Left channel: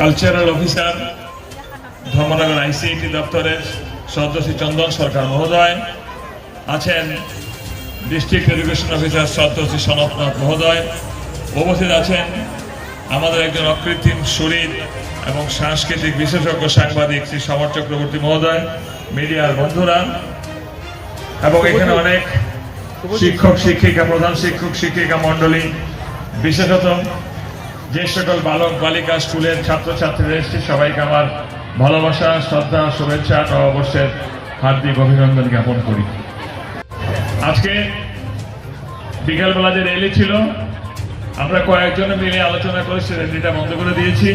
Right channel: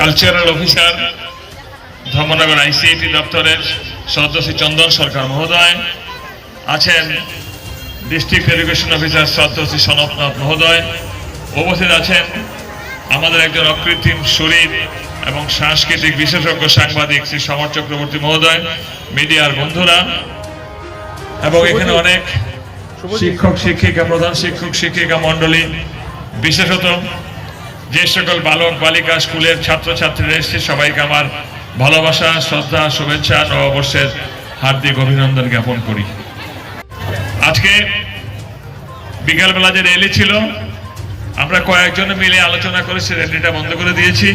Cultural officer Dharmanagar আইসিআইটি দপ্তরের সদস্য চন্দন সরকার মহোদয় আছেন ডিস্ট্রিক্ট এডুকেশন অফিসার সদস্য সনতনাথ মহোদয় উপস্থিত আছেন আমাদের একজন অকৃত্রিম শরীর এবং সাংস্কৃতিক বিশেষজ্ঞ সাংবাদিক শ্রী সমর চক্রবর্তী মহোদয় মিডিয়ার বন্ধুরা এবং এখানে অনেক শিক্ষক শিক্ষিকা প্রধান শিক্ষক শিক্ষিকা মণ্ডলী বিশেষত যে সকল বালক, বালিকা, স্কুলের ছাত্রছাত্রীরা এসেছে, সবাইকে আমার ভালোবাসা, শ্রদ্ধা, শুভেচ্ছা, নববর্ষের হার্দিক অভিনন্দন জ্ঞাপন করি। আজকে বিকালবেলা যে র্যালি ছিল, আমরা কয়েকজন মিলে আলোচনা করে সে র্যালিটা বন্ধ করে দিয়েছি।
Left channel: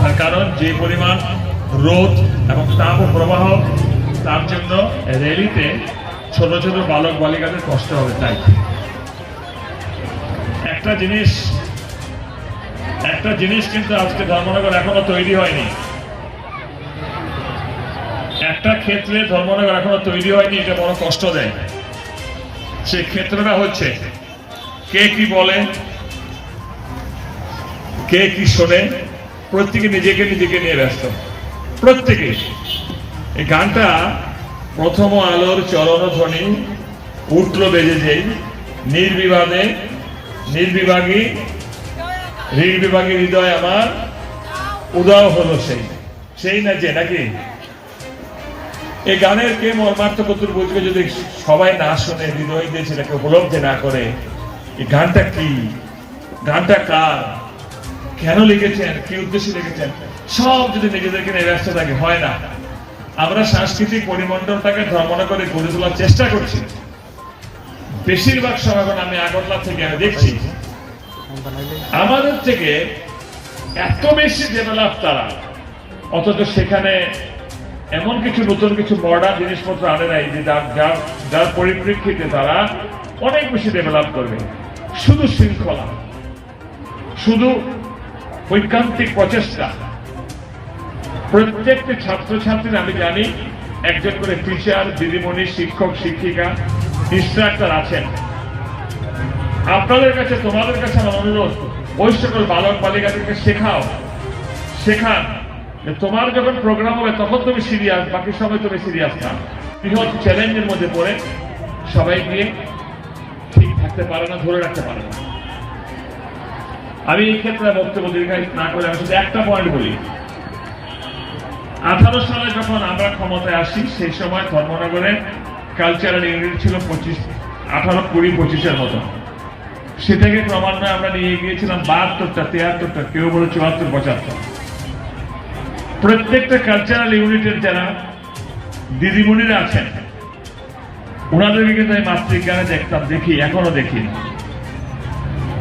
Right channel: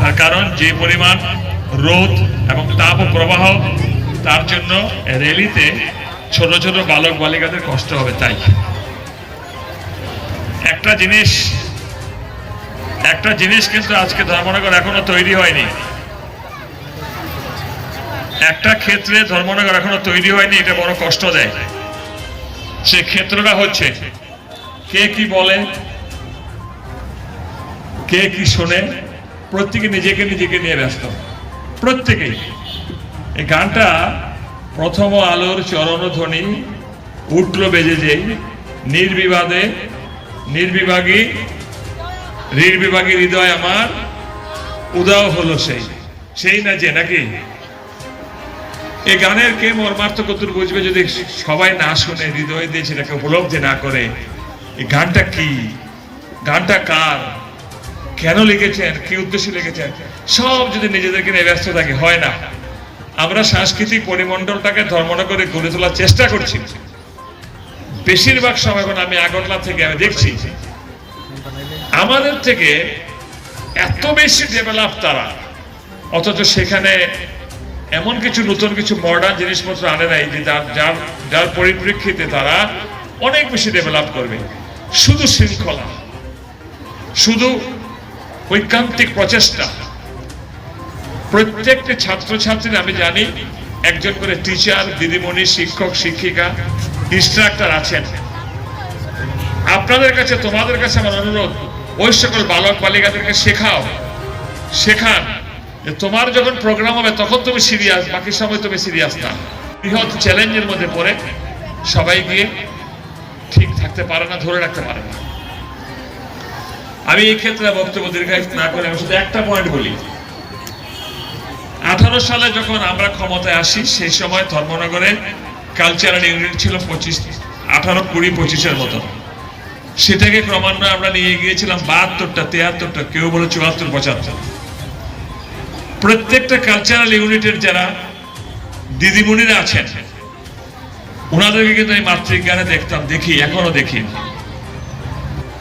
তার কারণ, যে পরিমাণ রোদ এবং তাপ ও প্রবাহ, তার জন্য র্যালিতে ছোট ছোট বালক, বালিকাদের কষ্ট হবে, তাই। একটা জিনিস একটা জিনিস কিন্তু আজকে ধর্মনগর এখনও তৈরি হয়নি। একটা ক্ষেত্রে ধর্মনগর এখনও তৈরি হয়নি, এটা বড় কষ্ট দেয়। সে ক্ষেত্রটা হচ্ছে, কে কি বলে, কে কি শোনে, প্রত্যেকে নিজেকে নিজেকে নিয়ে ব্যস্ত। প্রত্যেকে। এই গানটা প্রথম আলোর চরণ ধ্বনি উঠল বেজে যে নির্বিবাদে নির্বিভাগী নির্বিভাগী হৃদয় আমার উদাও হলো সেই। সেই না যে, নাকি? এই গানের কে মর্মার্থ কতুর বুঝবে যদি সবাই না শুনে হৃদয় দিয়ে সেটাকে উপলব্ধি না করে? এই গানটা কি? গানটা কার? কেন লিখেছেন? কি উদ্দেশ্যে লিখেছেন? সব যদি নিজেদেরকে নিয়ে ব্যস্ত থাকে, হয় না। আমরা সাংস্কৃতিক পরিমণ্ডলটাকে ধর্মনগরে গড়ে তোলার চেষ্টা করছি। বেশিরভাগ সময় আমি আগরতলা থেকে আমি দেখছি। আমাদের থেকে এত বেশি ডেভেলপ তারা। অথচ সেখানে এমন কিছু নতুন কিছু মডার্ন জিনিসপত্র আনে নাই যে যার যার যার পরিপ্রেক্ষিতে তারা অনেক বেশি ডেভেলপ করবে। শুধু শৃঙ্খলা। শুধু ঐকান্তিক প্রচেষ্টা। প্রত্যেকটি ছাত্রছাত্রীর, আমি জানি, একজন করে টিচার দিদিমণি, শিক্ষক, শিক্ষিকা ইনস্ট্রাক্টর আছেন। আপনাদের কাছে, তোমাদের কাছে আমার অনুরোধ, ওই সকল বালক বালিকাদেরকে শেখাও। শেখান তোমার যখন প্রোগ্রাম হবে, তখন তুমি সিরিয়াস বাকি সময় তুমি সিরিয়াস না। বৃহৎ চ্যালেঞ্জের মধ্যে পড়ে সবাই গিয়ে ঠিক থাকতে পারে না, ধরে রাখতে পারে না। আমি এই ক্ষেত্রে বক্তব্য দীর্ঘায়িত না করে আমি শুধু একটা পয়েন্ট বলি। আঠারো সালে যখন আমরা ক্ষমতায় আসি, সেই সময় ধর্মনগরে কালচারাল ইউনিট ছিল পঁচিশ, আঠারো, কুড়ি, পঁচিশের মতো। সেটাকে ক্রমান্বয়ে আমরা নিয়ে গিয়েছিলাম বাহাত্তরটা তিয়াত্তরটা কেউ বলে চুয়াত্তর, পঁচাত্তর। প্রত্যেকটা কালচারাল ইউনিটের যারা দিদিমণিরা আছেন, ওনাদেরকে কিন্তু আমি মাতৃজ্ঞানে দেখতাম, দেখি, এখনও দেখি।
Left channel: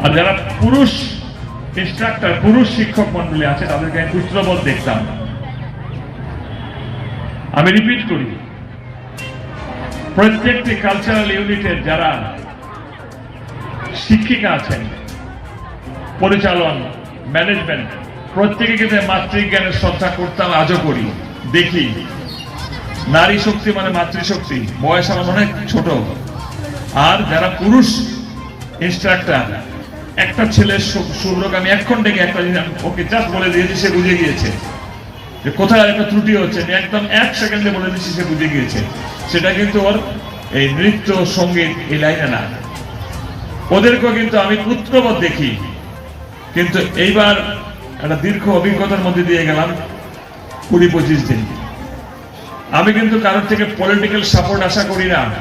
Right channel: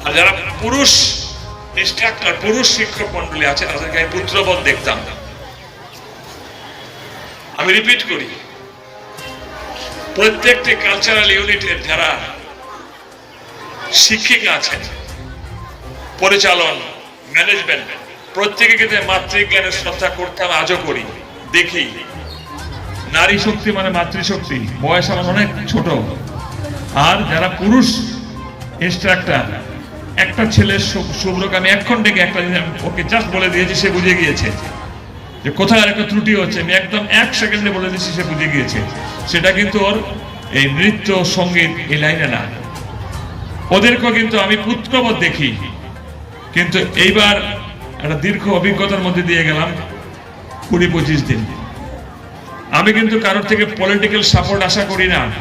আর যারা পুরুষ ইনস্ট্রাক্টর পুরুষ শিক্ষক মন্ডলী আছে তাদেরকে আমি পুত্রবোধ দেখতাম। আমি রিপিট করি, প্রত্যেকটি কালচারাল ইউনিটের যারা শিক্ষিকা আছেন। পরিচালন ম্যানেজমেন্ট প্রত্যেকে কিন্তু মাতৃজ্ঞানের শ্রদ্ধা করতাম আজও করি। দেখি, নারী শক্তি মানে মাতৃশক্তি। বয়স আমার অনেক ছোট। আর যারা পুরুষ ইনস্ট্রাক্টর একটা ছেলের সুরলোক আমি এখন ডেকে একটা ওকে জাস্ট বলে দিয়েছি, সে বুঝে গিয়েছে। যে কোথায় একটা ত্রুটি হচ্ছে, আমি একদম এক সেকেন্ডে বলে দিয়েছি, সে বুঝে গিয়েছে। সেটা কিন্তু ওর এই নৃত্য, সংগীত, এই লাইনে না। ওদেরকেও কিন্তু আমি পুত্রবোধ দেখি। কিন্তু এইবার একটা দীর্ঘ অভিজ্ঞতার মধ্যে দিয়ে গেলাম কুড়ি পঁচিশ দিন। আমি কিন্তু কারোর থেকে পলিটিক্যাল সাপোর্ট আশা করি না।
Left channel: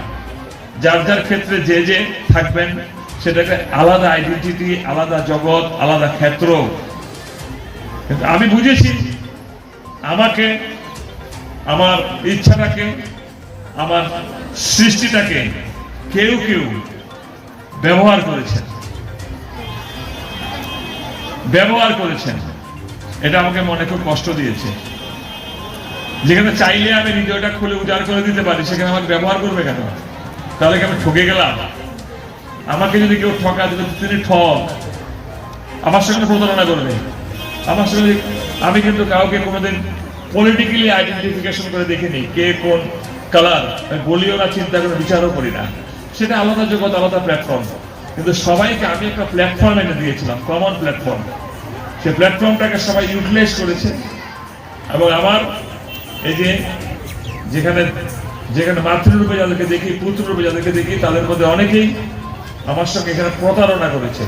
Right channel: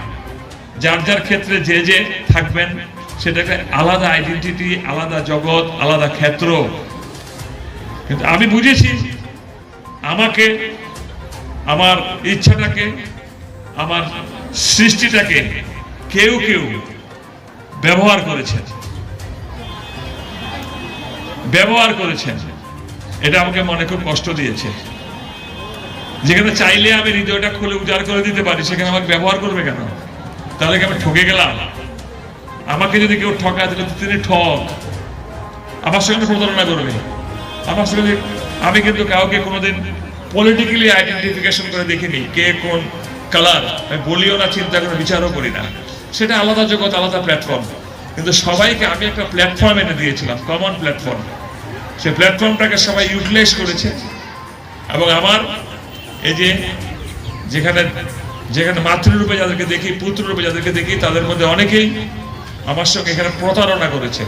যার যার ক্ষেত্রে যে যে থাকবেন, সেটাকে আলাদা আইডেন্টিটি আলাদা জগৎ, আলাদা ক্ষেত্র। কিন্তু আমি বুঝেছি, আমাকে, আমার ইচ্ছাটাকে, আমার সৃষ্টিটাকে কেউ কেউ ব্যবহার করেছেন। ব্যবহার করেছেন। এটা আমাকে মনে খুব কষ্ট দিয়েছে। যেখানে চাইলে আমি হৃদয়টা খুলে উজাড় করে দিতে পারি, সেখানে আমাকে ব্যবহার করবে কেন? তাহলে কি আমি ঠকে গেলাম? আমাকে যদি কেউ ঠকা তাহলে তিনি ঠক। আমার সঙ্গে প্রতারণা করবে। আমার সঙ্গে আমি কিন্তু কাউকে কোনোদিন পলিটিক্যালি আইডেন্টিফিকেশন করে দেখিনি, কে কোন কালার বলিও না, চিন্তা করে বিচারও করি না। সেটা আলাদা জগৎ, আলাদা প্ল্যাটফর্ম কিন্তু সবাইকে আমি একটা প্ল্যাটফর্ম এনে দিয়েছিলাম কমন প্ল্যাটফর্ম সেই প্ল্যাটফর্মটাকে সবাই ইউটিলাইজ করেছে। এবং আমার এই যে যেখানে যেখানে মাতৃরূপে যাদেরকে দেখি পুত্ররূপে যাদেরকে দেখি, তাদের মধ্যে অনেকেই আমার সঙ্গে এখানে প্রতারণা করেছে।